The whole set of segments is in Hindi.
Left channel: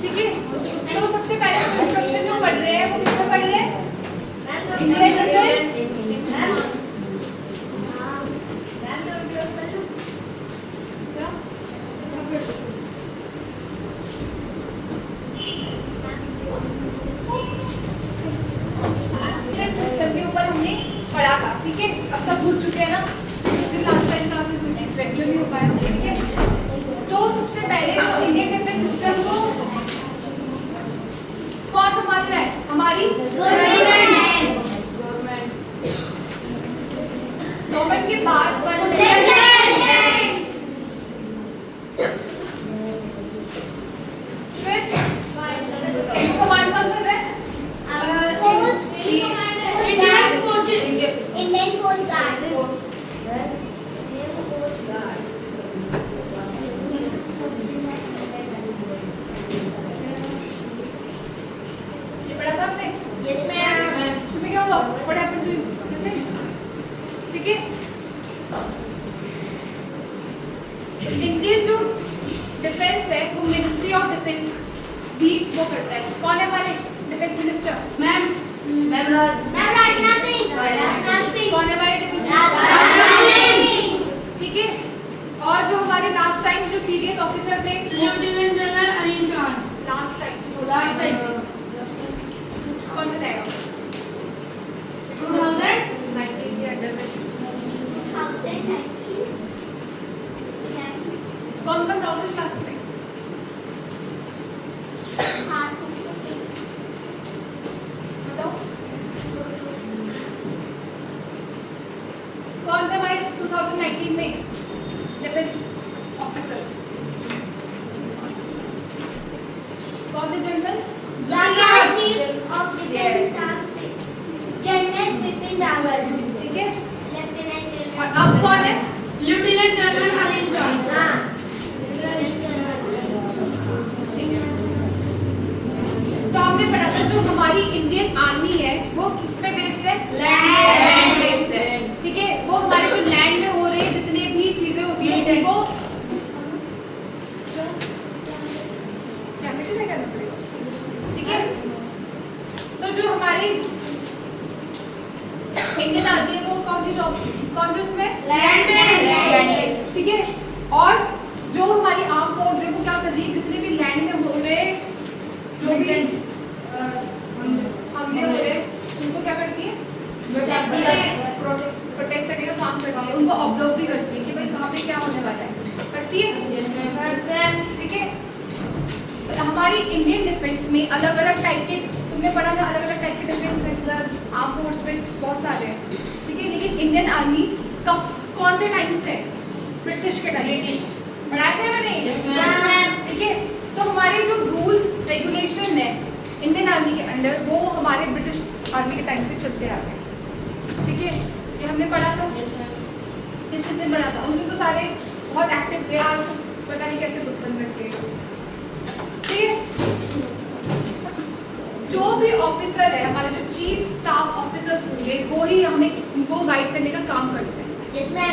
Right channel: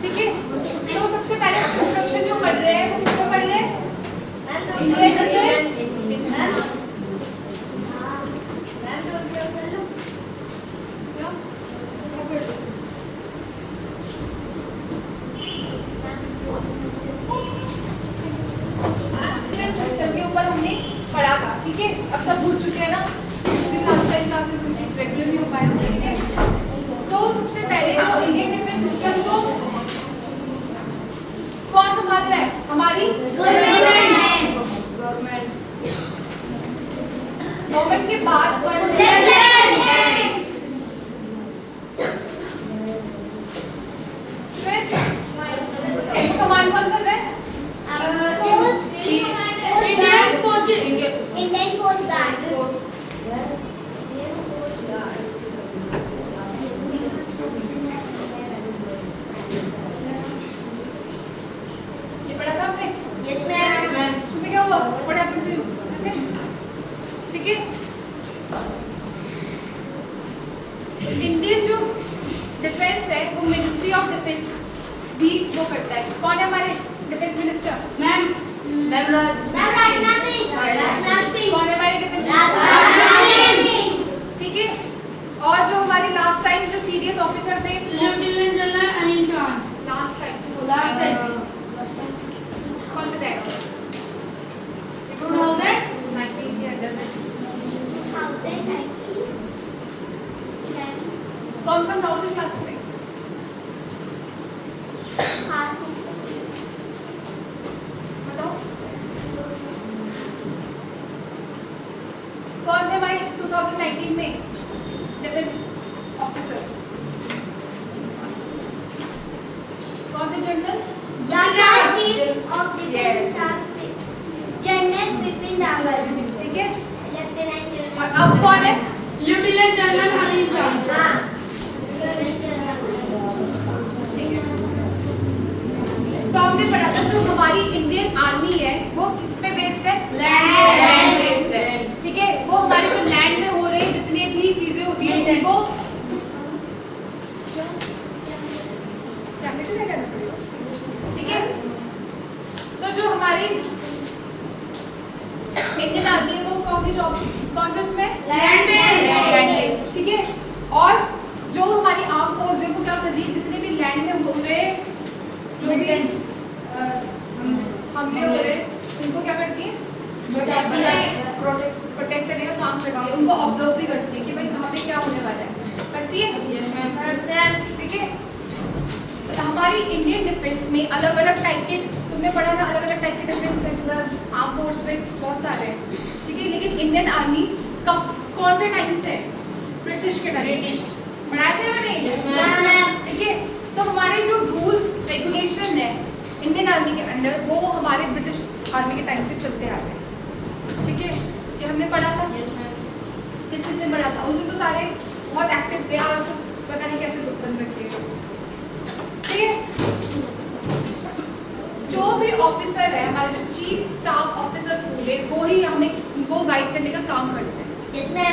ठीक है, तो सबसे पहले इंट्रोडक्शन जो पढ़ रहे हैं वो किसमें पढ़ रहे हैं? Indian defence. सिस्टम के ऊपर हमने पढ़ा था, ठीक है। अब सब भूल चुके हैं ना, लास्ट टाइम क्लासेस हुई थी, रेगुलर भी हो पाया, ठीक है। तो सबसे पहले जो इंडियन डिफेंस सिस्टम को कौन संभाल रहा है? हमारी गवर्नमेंट के बाद फिर कमांड कौन कर रहा है? Indian coast guard. ये पढ़ा था हमने? Yes, ma'am. तुम्हें क्या हुआ? What happened to you? ठीक है। इंडियन जो डिफेंस है वो मिनिस्ट्री ऑफ डिफेंस भी वो करता है। कौन है हमारे defence minister? Ma'am Rajnath Singh. कौन है हमारे डिफेंस मिनिस्टर? ठीक है। और जो हमारे लास्ट टाइम जो सीरियस ऑफिसर थे lieutenant general Anil John. Last time कौन बताएगा? 2019 के अंदर में कौन कौन था उसी क्लास में? बताओ कौन थे हमारे 2019 में डिफेंस ऑफिसर? कौन थे? General general Bipin Rawat. ठीक है। लेफ्टिनेंट और अब कौन है? Lieutenant general Anil John. तो हमने पढ़ा था जो हमारी इंडियन आर्मी है वो किस पे बेस्ड है? लैंड बेस्ड है, ठीक है। वो हमारे जो लैंड में हो रहे जितने भी चीजें होती है उनको ठीक है। तो जो हमारी इंडियन आर्मी है वो कौन सी जॉब, कौन सी उसमें? लैंड बेस्ड, ठीक है। और जो हमारी आर्म फोर्स है वो क्या कर रही है? जितने भी लैंड में हो रहे जो भी हमले हो रहे उनको क्या करती है? प्रोटेक्ट करने का काम करती है। उनको ऑब्जर्व भी करती है कि भाई कहाँ पे क्या होने वाला है, करती है, ठीक है। तो हमारी इंडियन डिफेंस में अलग अलग टाइप के, तुमने पढ़ा ना, अलग अलग टाइप के डिफेंस सेक्टर आर्म फोर्स में बहुत सारे हैं, ठीक है। लेकिन इंडियन आर्मी कब कौन से टाइम से? ब्रिटिश के टाइम से पढ़ाए थे मैंने, ठीक है। तो हमारे जो रूल्स रेगुलेशन है इंडियन आर्मी के अंडर वो हमारे ब्रिटिश आर्मी के टाइम से चलते आ रहे हैं, ठीक है। ये हमने पढ़ा था, किस किसने पढ़ा था? उस दिन तो सारे बहुत एक्टिव थे, आज तो पता नहीं कैसे बुक बंद रखे, ठीक है। जो भी ऑफिसर है हमारे जो चीफ स्टाफ ऑफिसर्स होंगे वो ही हमें वो गाइड करने का काम करते हैं।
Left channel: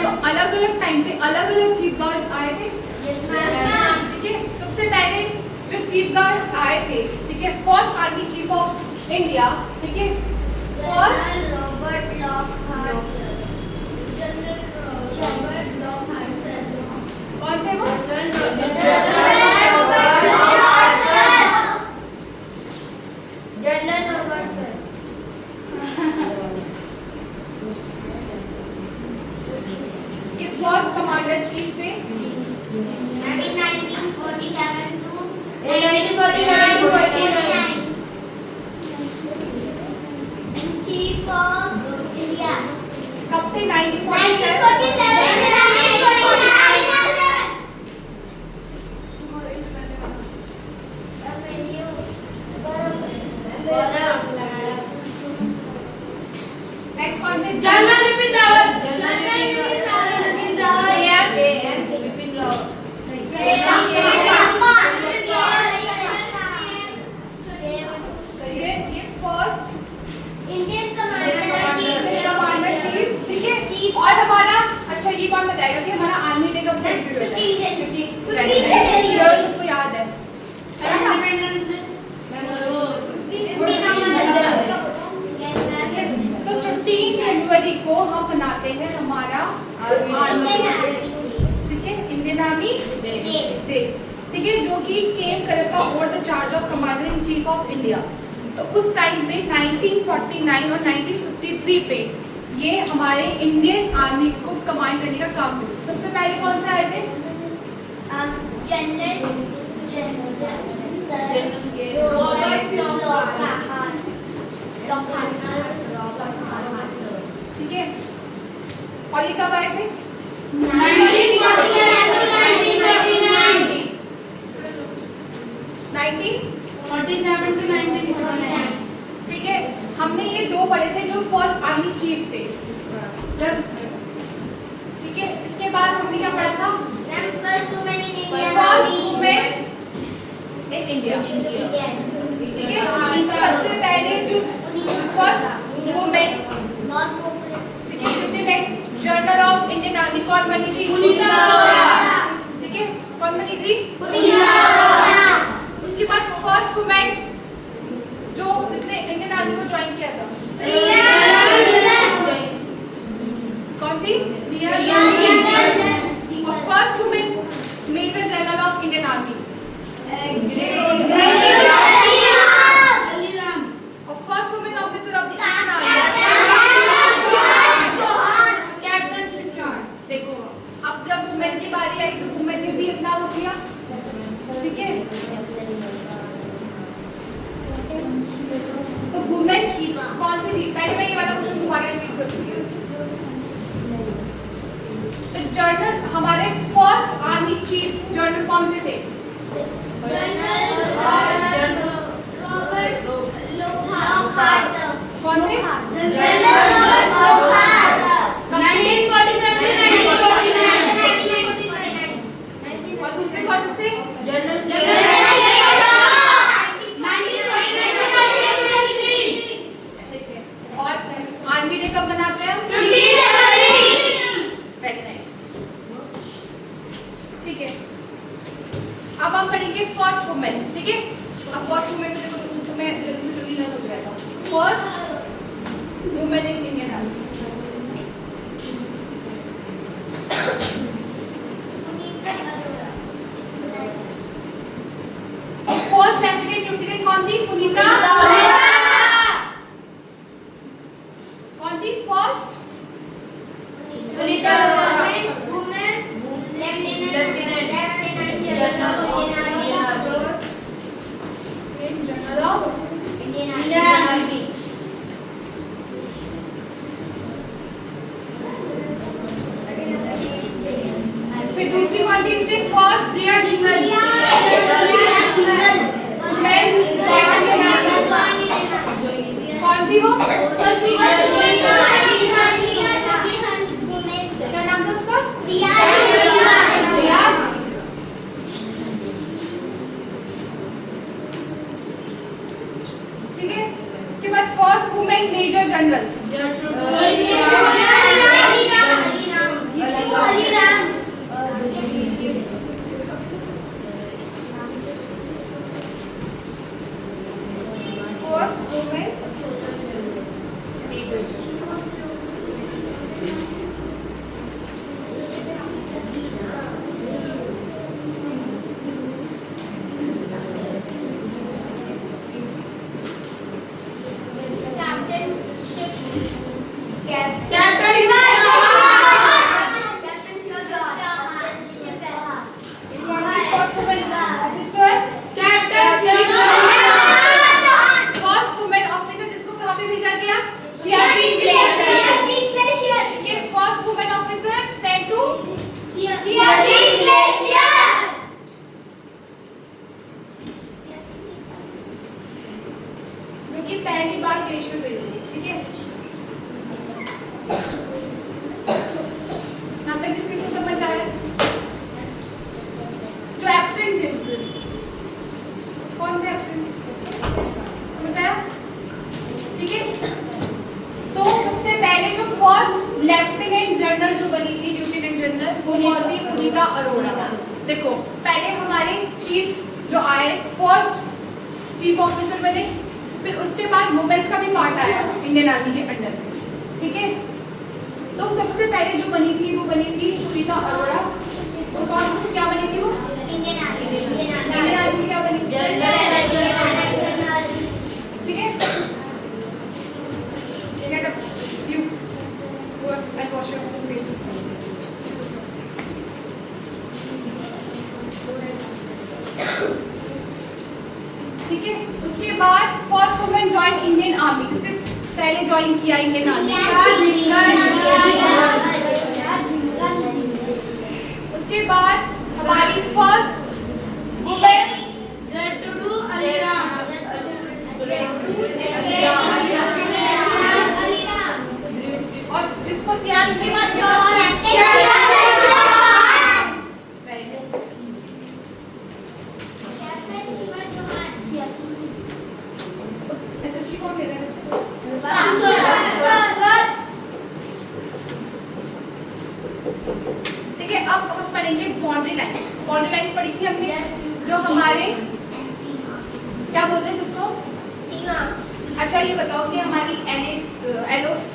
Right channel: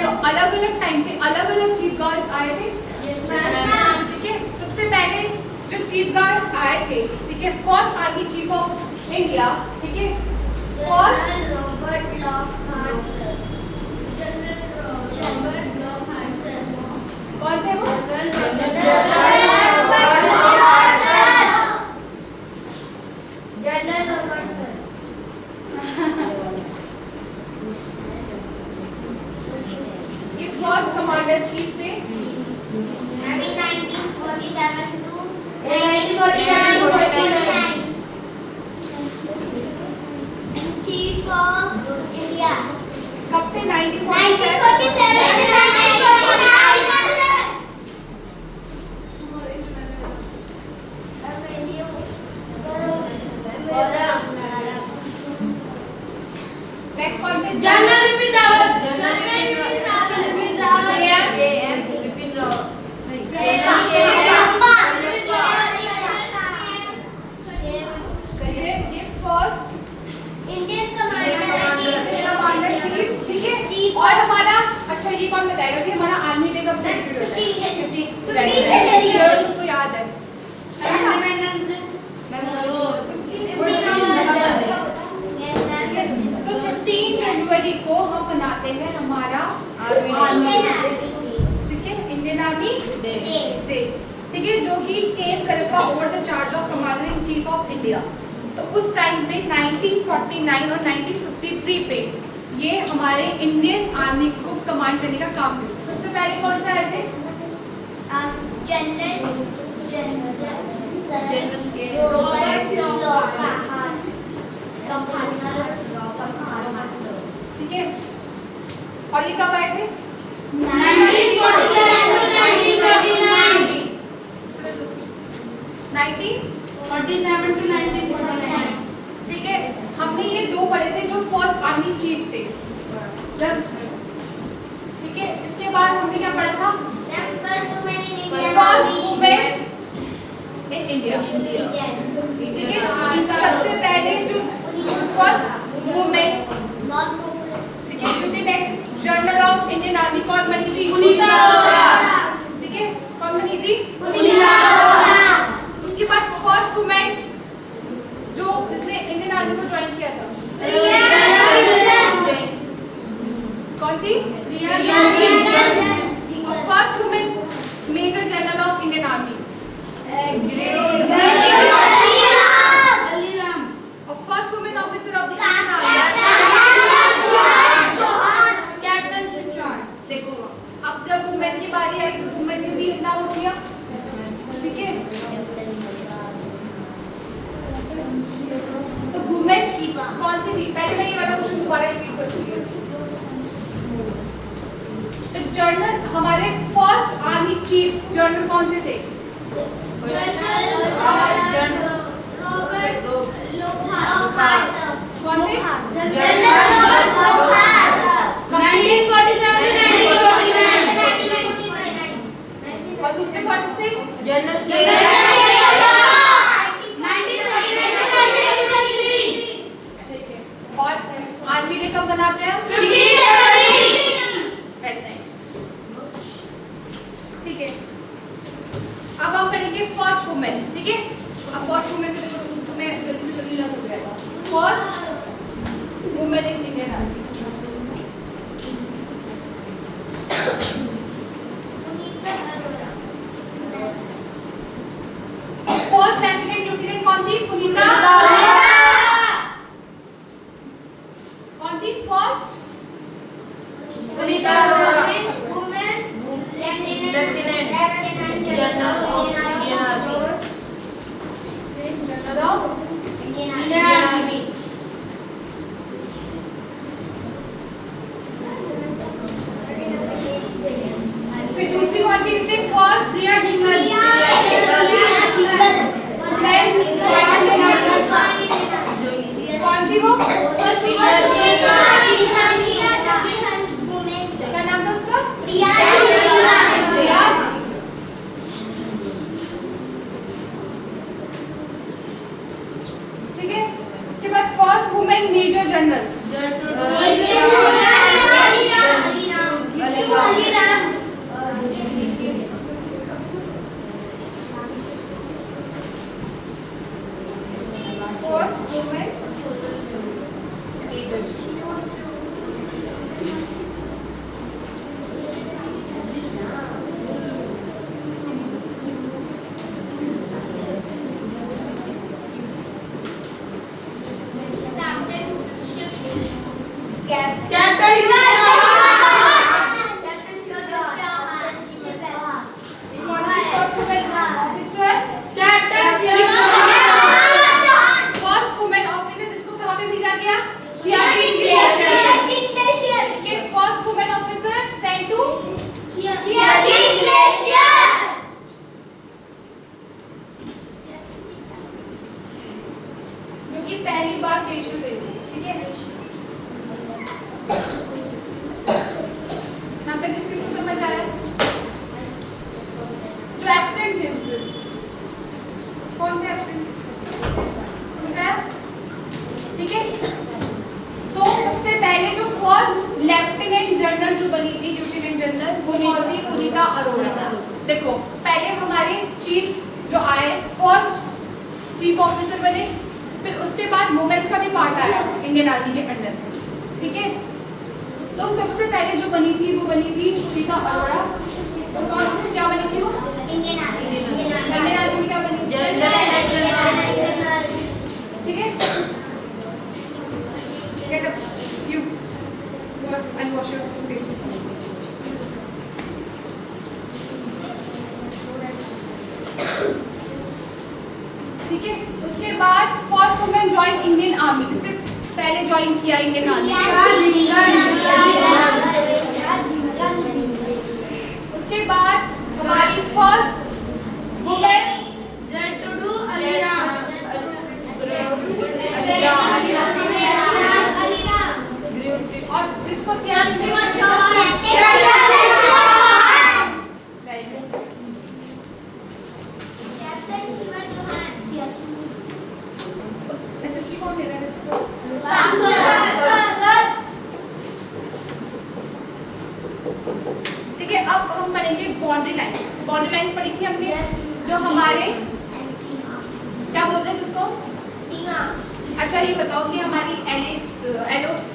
तो अलग अलग टाइम पे अलग अलग चीफ गार्ड्स आए थे, ठीक है। सबसे पहले जो चीफ गार्ड आए थे, ठीक है, first army chief of India, ठीक है, फर्स्ट रॉबर्ट लॉकहार्ट सर। कौन थे वो? General Robert sir. ये फर्स्ट कमांडर चीफ थे। 1947 to 1949 Chief of India। कब थे? 1947 नेक्स्ट कौन थे? General Bipin Rawat. General Bipin Rawat. JM हम बनाते हैं हमारा आर्मी, ठीक है, इंडियन आर्मी डे, ठीक है, जो कि केम करेगा over the charge of commander in chief of India. तो उस टाइम पे 1949 और 1953 पे ये हमारे इंडियन आर्मी को कमांड करने का काम किया। सबसे पहले कौन सा आए थे? ठीक है, और ये कब आए थे? 1947 to 1949. 1949, ठीक है। हमने ये दो पढ़े थे जो फर्स्ट आर्मी चीफ थे, ठीक है। इसके बाद हमने क्या पढ़ा था? फर्स्ट वुमेन इन इंडिया, ठीक है। सबसे पहले जो फर्स्ट वुमेन, ठीक है, lieutenant general of Indian army कौन बनी थी? पुनीता अरोड़ा, ठीक है, कौन बनी थी? पुनीता अरोड़ा। उसके बाद फर्स्ट वुमेन जो जिसने इंडियन आर्मी को ज्वाइन किया था, कौन थी? और first women major general of Indian army, Alice Ram. और first women officer of the Indian army. Captain Shiva Chauhan. देखो, अब जब वुमेन की बारी आई तो वुमेन ने भी अपना हो दिया, ठीक है। तो वुमेन कौन सी थी? पहले मैं ये वाला क्वेश्चन दोबारा रिपीट कर दूंगी। तो जनरल, हमारे फर्स्ट आर्मी चीफ जनरल कौन से थे? कौन थे? 1947 to 1949. और दूसरे कौन थे? 1949 to 1953. ठीक है। और आर्मी डे कब मनाते हैं? 15 जनवरी. वेरी नाइस, ठीक है। अब हम पढ़ेंगे फर्स्ट वुमेन, ठीक है। अब फर्स्ट वुमेन को देखो, तुम्हें जल्दी से जल्दी याद हो जाएगा। First women in Indian army, first lieutenant lieutenant कौन थी? पुनीता कौन थी? First Punita Arora. General of Indian army. फिर दूसरी कौन थी? इसके फर्स्ट जिया जिंदल. कौन थी वो? क्या नाम था उसका? रियाज। ठीक है, उसके बाद first women major general, first women major general. Captain officer, first women officer जिसको कहाँ पे भेजा गया? सियाचिन ग्लेशियर के first women officer sent to जो कि पहली बार देश में गई थी, ठीक है। यहाँ तक किसको समझ आया? जो एब्सेंट थे उस दिन, कौन थे एब्सेंट? समझ आया? ठीक है। तो सबसे पहले जो फर्स्ट लेफ्टिनेंट जनरल जो बनी थी, लेफ्टिनेंट जनरल, वो कौन थी? पुनीता अरोड़ा। देखो, पहले हमारे चीफ जो आए, फर्स्ट चीफ ऑफिसर बने, फिर उसके बाद वुमेन्स का भी पार्ट आया इंडियन आर्मी के अंडर, ठीक है। तो सबसे पहले जो बनी थी वो बनी थी सुनीता अरोड़ा। तो कौन क्या बनी थी वो? Indian army. इंडियन आर्मी क्या बनी? ठीक है। Get up. You. Go and wash your face. ठीक है। उसके बाद first women join Indian army, जिसने पहले ज्वाइन किया इंडियन आर्मी। उसके बाद हमारी फर्स्ट वुमेन जट्टू अलीराम। और जिसको सियान से एसएसटी कौन ले रहा है इसको? ठीक है। अब हम पढ़ेंगे बाउंड्री लाइंस। बाउंड्री लाइंस पढ़ी थी हमने, जो हमारे क्या बोलते हैं जिसको? अच्छा ये बताओ कि हमारी LOC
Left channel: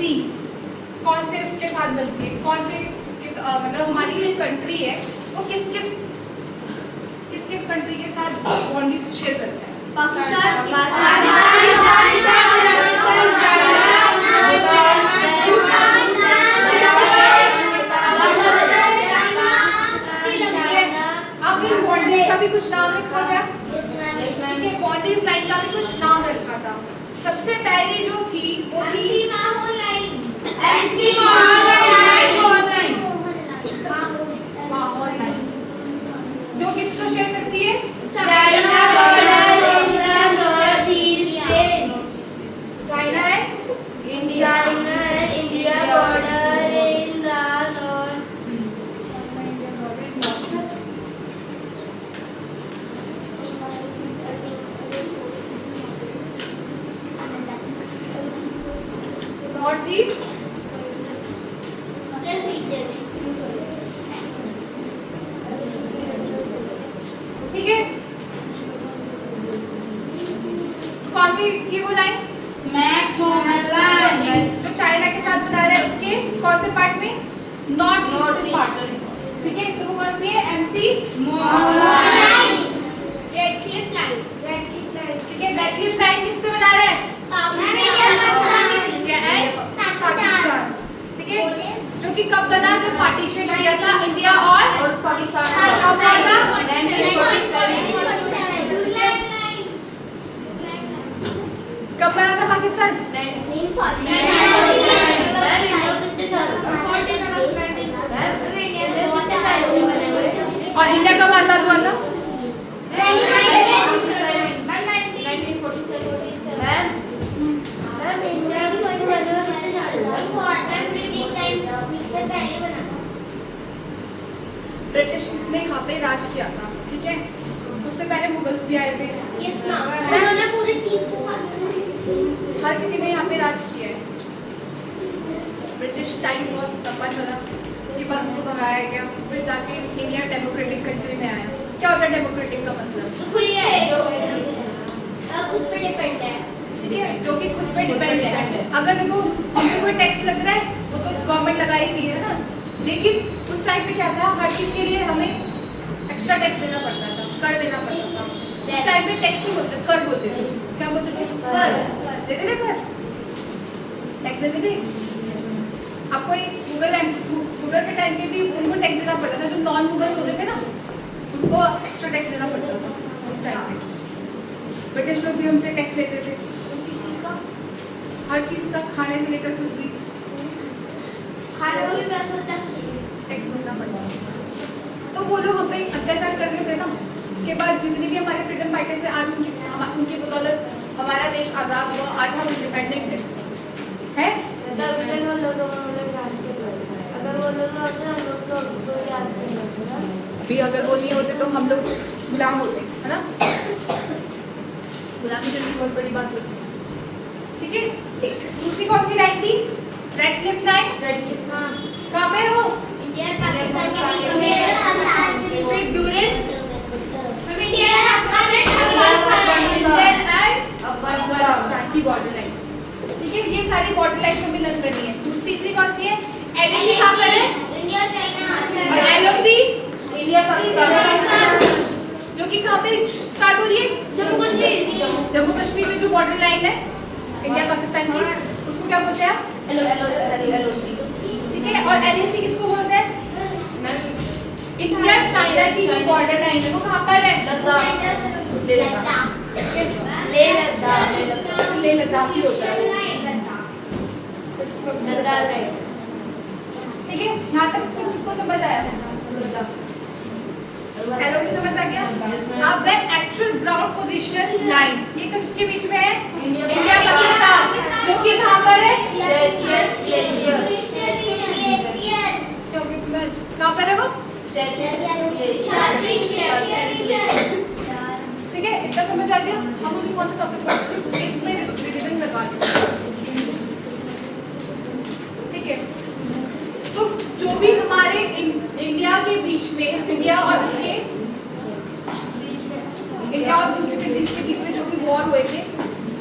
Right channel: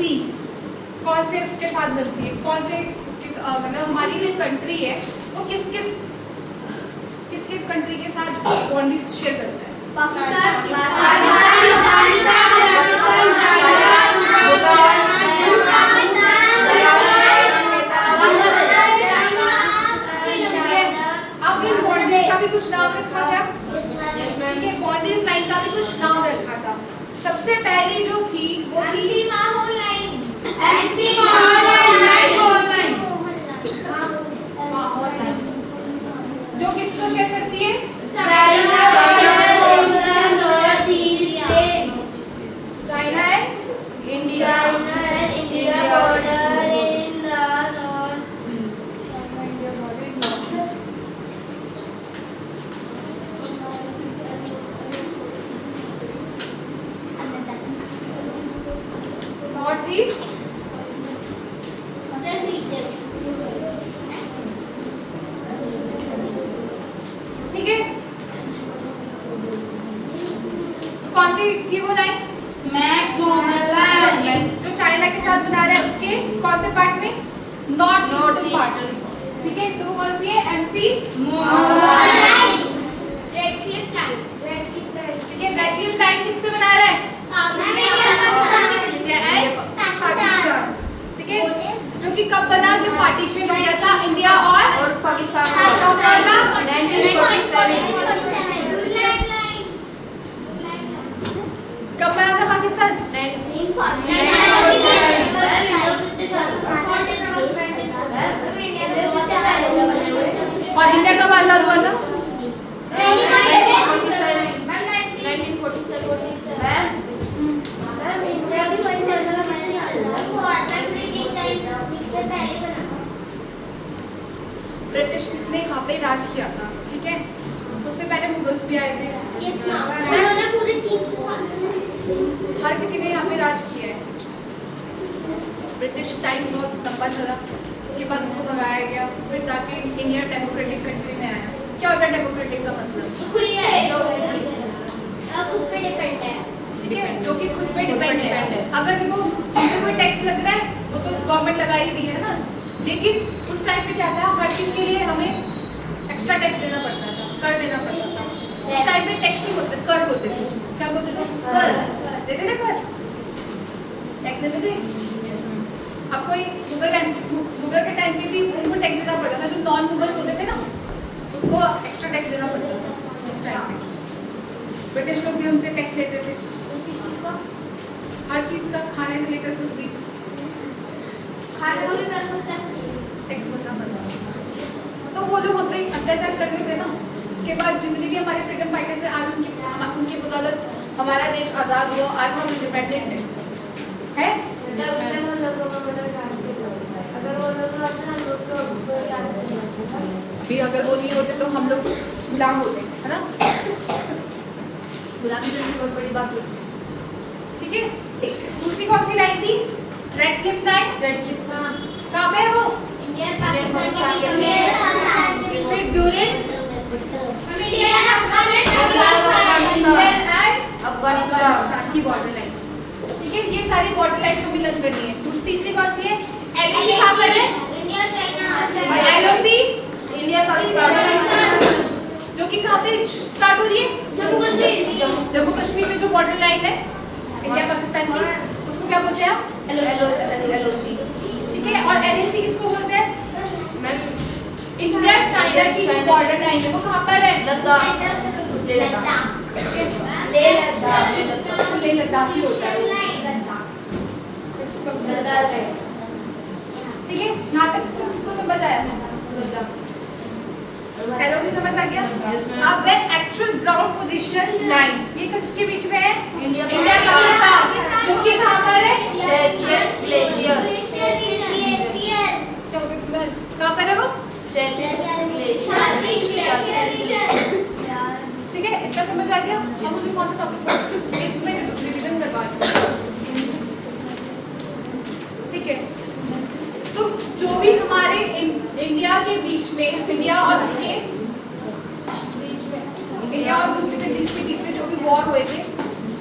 कौन से उसके साथ बनती है, कौन से उसके मतलब हमारी जो कंट्री है वो किस किस कंट्री के साथ बाउंड्रीज शेयर करता है? अब इन बाउंड्रीज का भी कुछ नाम रखा गया। ठीक है। बाउंड्रीज लाइन का भी कुछ नाम रखा था। सबसे पहली जो थी वो थी MC माहौल लाइन। माहौल लाइन, जो किसको शेयर करती है? China China and India. North east ठीक है। तो कौन सी थी वो लाइन? जो चाइना के साथ बना रहे हैं उसके कौन से पार्ट में? North eastern part. ठीक है। तो वो कौन सी है? MC ठीक है। रेड क्लिफ लाइन किससे बना रहे हैं? पाकिस्तान। ठीक है। जो कि कब बना? जब पार्टीशन हो गया था इंडिया और पाकिस्तान का। कब हुआ था? 1947। कब बना था पाकिस्तान? और इंडिया कब आजाद हुआ था? ब्रिटिश ने यहाँ पे राज किया था। ठीक है। उससे पहले मुगल्स भी आए थे। हर किसी ने यहाँ पे राज किया है। ब्रिटिश टाइम बहुत लंबा चला, उसके बाद उनको भगाया गया, फिर जाके इंडिया डेमोक्रेटिक कंट्री में आया। क्या होता है डेमोक्रेटिक का मतलब? ठीक है। जो कि खुद पे डिपेंड है। अगर देखो हमको कोई टैक्स लग रहा है वो तो गवर्नमेंट लगा ही रही है ना, लेकिन उस टाइम पे क्या था, हर चीज़ के लिए हमें एक्स्ट्रा टैक्स देना पड़ता था, कर देना पड़ता था। उस टाइम पे टैक्स नहीं बोलते, कर बोलते थे उसको। क्या बोलते थे? कर देते थे, कर टैक्स देते थे। अब कोई गूगल के टाइम पे भी उनको टैक्स देना पड़ता था। जो नॉन गूगल्स होते थे ना उनको एक्स्ट्रा टैक्स देना पड़ता था उस टाइम पे। ब्रिटिश लोग भी हमसे टैक्स लेते थे हर चीज़ का, खाने से लेकर कुछ भी टैक्स भरना पड़ता था। तो वो लोग हम पे अत्याचार कर रहे थे ना। उसके बाद जितने भी हमारे फ्रीडम फाइटर्स हैं, आज उनकी बदौलत हमारा देश आज़ाद हुआ। आज हम इंडिपेंडेंट है? भी अगर वो नहीं होते तो हम लोग गुलाम होते, है ना? गुलामी करनी बहुत बड़ी बात होती है। ठीक है। दूसरी कौन सी लाइन थी? Red Cliff line. Red Cliff कहाँ पे है वो? फिर ड्यूरिंग अफगानिस्तान की बॉर्डर लाइन। ठीक है। ये सारी बॉर्डर लाइन हमें लर्न करनी है। तीसरी कौन सी है? NAC कहाँ पर है? इंडिया चाइना और LOC इंडिया पाकिस्तान जो कि कहाँ पे स्टार्ट हो रही है? जम्मू कश्मीर में जो बॉर्डर लाइन है इंडिया पाकिस्तान की, उसको क्या बोलते हैं? LOC ठीक है। और NAC किसको बोलते हैं? इंडिया चाइना की जो बॉर्डर लाइन है वो कहाँ पर है? लद्दाख लेह लद्दाख ही होता है। ठीक है, यहाँ तक किसको समझ आया? LOC समझ आ गया? अब वे एक्चुअल ग्राउंड पोजीशन लाइन ये किसके बीच में है? इंडिया पाकिस्तान, जो कि कहाँ पर है? क्योंकि कहाँ पर है वो? ठीक है, इतना समझ आ गया? हम उसे कौन सा टॉपिक में रिवीजन करवा दें। ठीक है, तो जो भी हमारे इंडिया के बीच में इंडिया और दूसरी कंट्रीज के बीच में जो भी वॉर हुए थे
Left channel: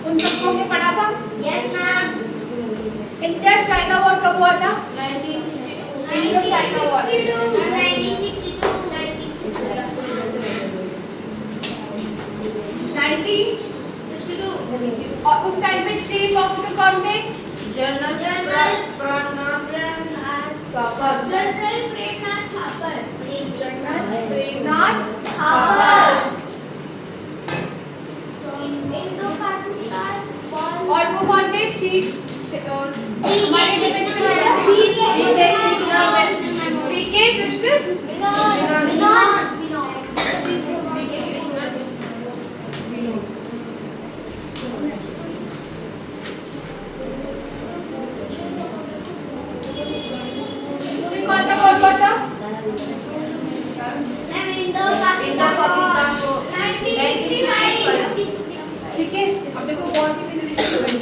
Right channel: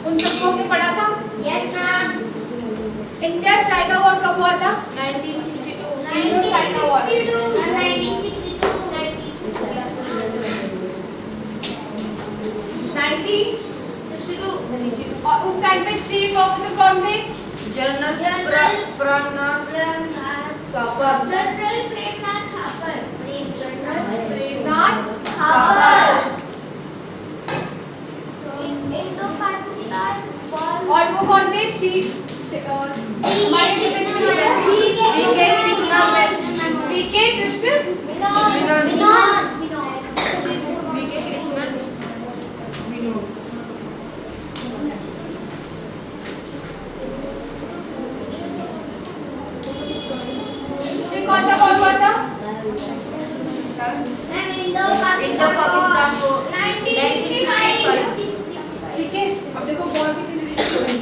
उन सबको हमने पढ़ा था। इंडिया चाइना वॉर कब हुआ था? 1962 इंडो चाइना वॉर 1962 और उस टाइम पे चीफ ऑफिसर कौन थे? जनरल प्रणब प्रेमनाथ थापर। और वो कौन थे? चीफ हमारे वीके कृष्ण कौन सा वॉर हुआ था? इंडो पाकिस्तान को 1965 ठीक है, अब देखो वॉर कितनी जल्दी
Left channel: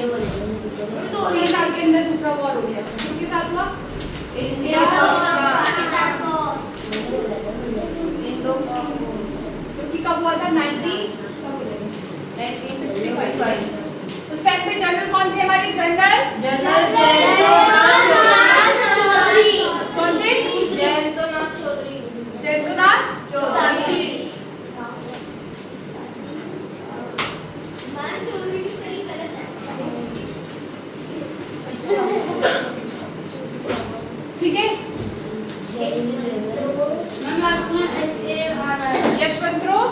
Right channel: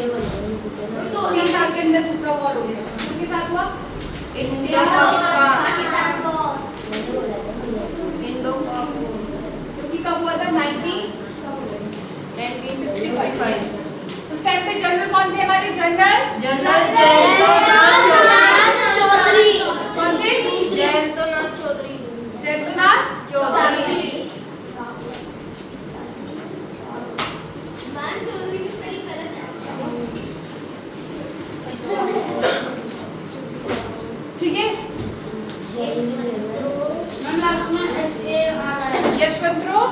तो 3 साल के अंदर दूसरा वॉर हो गया। किसके साथ हुआ? इंडिया पाकिस्तान जो कि कब हुआ था? 1965। उस टाइम पे जनरल कौन थे हमारे? जनरल चौधरी कौन थे? जयंतनाथ चौधरी ठीक है, लास्ट में HA आ रहा है यशवंतराव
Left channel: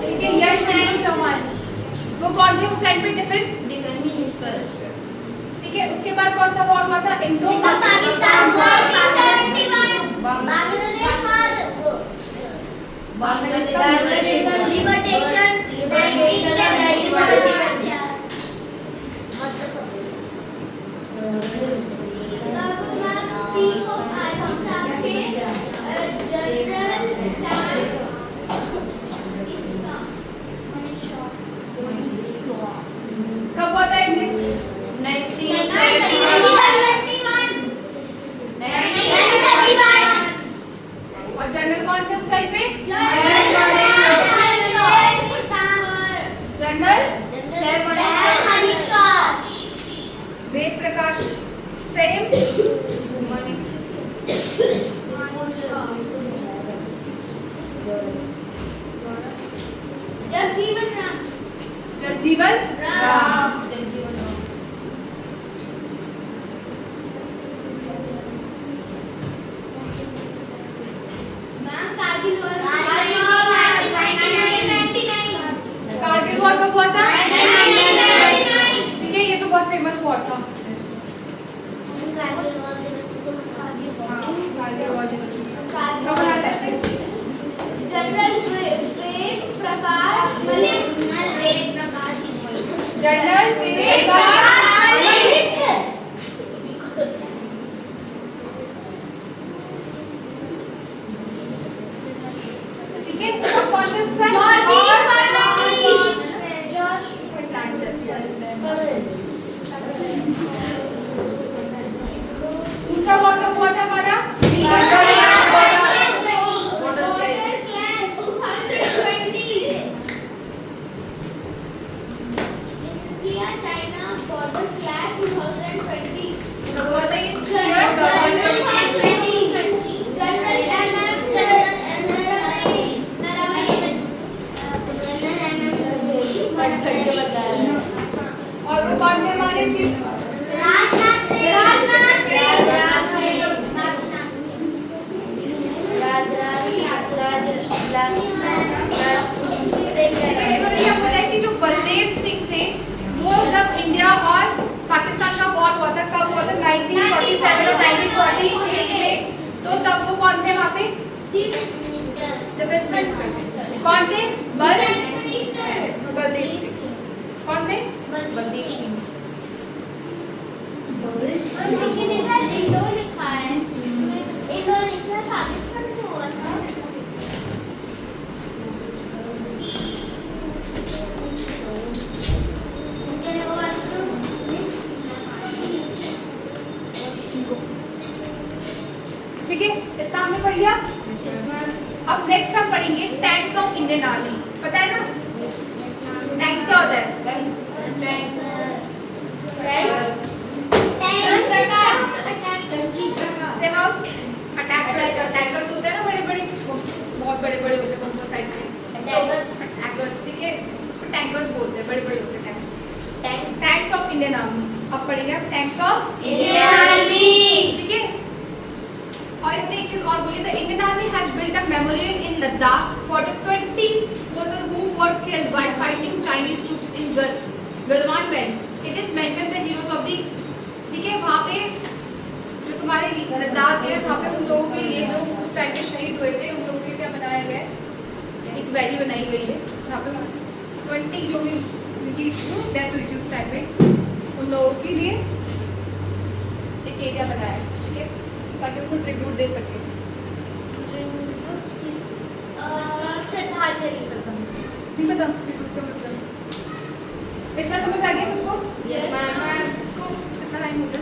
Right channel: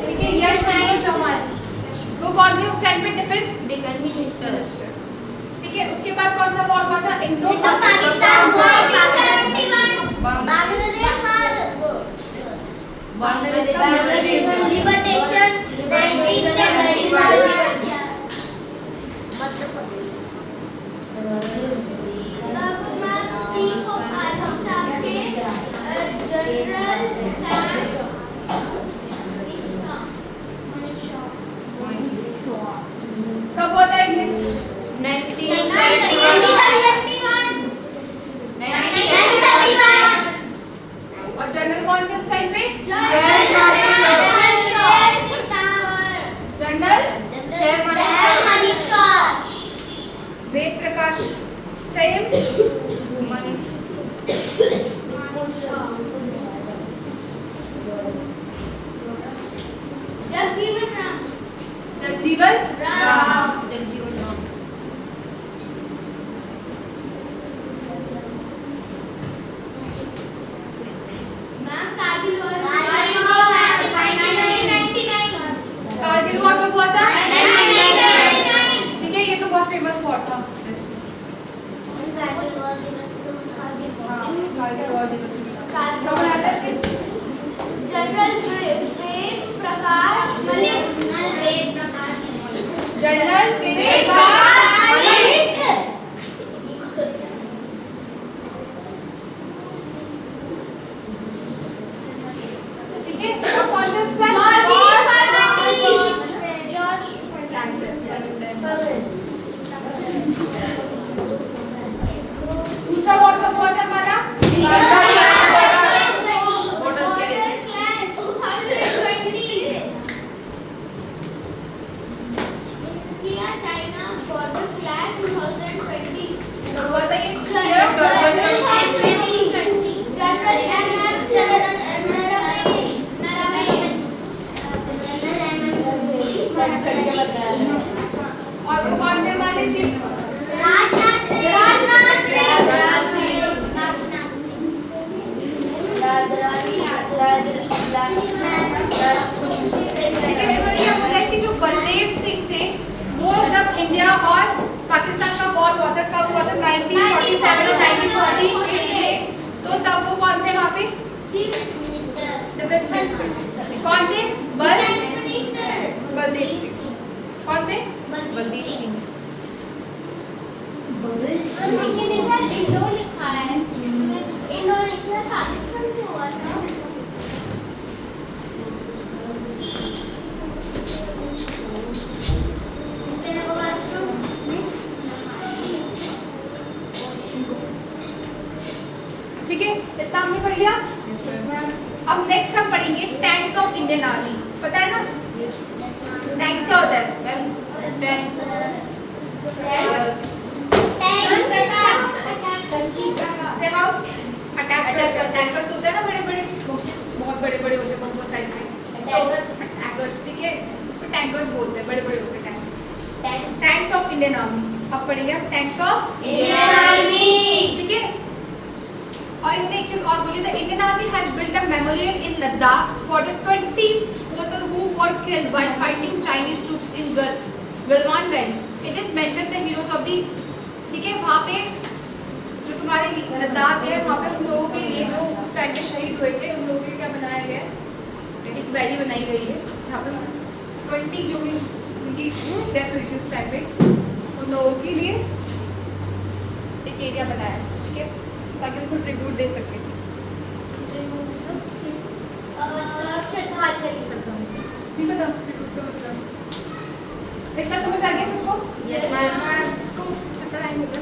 ठीक है, यशवंतराव चौहान वो कौन थे उस टाइम पे? Defence minister. ठीक है, उसके बाद कौन सा वॉर हुआ था? Indo Pakistan Bangladesh liberation 1971 chief of army staff के जनरल कब हुआ था? 1971 और जनरल कौन थे उस टाइम पे? General Ved Prakash same Jagjivan Ram. Kargil war कब हुआ था? 1999। ठीक है, ये तो बहुत फेमस वॉर था। कारगिल वॉर दिवस कब मनाया था इसे? जनरल जनरल वेद प्रकाश ठीक है, और कौन थे उस पर? दूसरा वॉर कब हुआ था हमारा? कौन थे वहाँ पे? चीफ मिनिस्टर, डिफेंस मिनिस्टर कौन थे? बलदेव सिंह। कौन थे? बलदेव सिंह। जो लिखा है इंडोनेशिया पाकिस्तान में हुआ था। ठीक है, इतना हमने पढ़ लिया। अब नेक्स्ट हम पढ़ेंगे टैंक्स ऑफ इंडियन आर्मी। पता है ना टैंक्स क्या होता है? से हम अटैक करते हैं। टैंकर्स होते हैं ना बड़े बड़े, बहुत बड़े बड़े होते हैं, बहुत टाइप के अटैकर्स। ठीक है, उसको टैंकर्स बोलते हैं, बड़े बड़े होते हैं tanks. Tanks of Indian army अब पढ़ेंगे टैंक्स ऑफ इंडियन आर्मी। ठीक है। और इन्होंने एक चीज और बोली, the Indian army has built a memorial in Ladakh for the 20 person who were killed while fighting Chinese troops in Galwan valley. It is mention the heroes of the, ठीक है, वहाँ पे जो तुम्हारे लद्दाख है वहाँ पे उन लोगों के लिए जो उस टाइम पे शहीद हुए थे उन लोगों के लिए क्या बनाया गया है, एक वैली बनाई गई है जहाँ पे 20 जो भी उनकी डेथ हुई थी उस टाइम पे उन लोगों के लिए एक एरिया बनाया है। ठीक है, ताकि उनको ट्रिब्यूट दे सके। श्रद्धांजलि। नहीं पता ट्रिब्यूट का मतलब, इतना समझ आ गया सबको? Yes, ma'am. इसको कितना टाइम हो गया?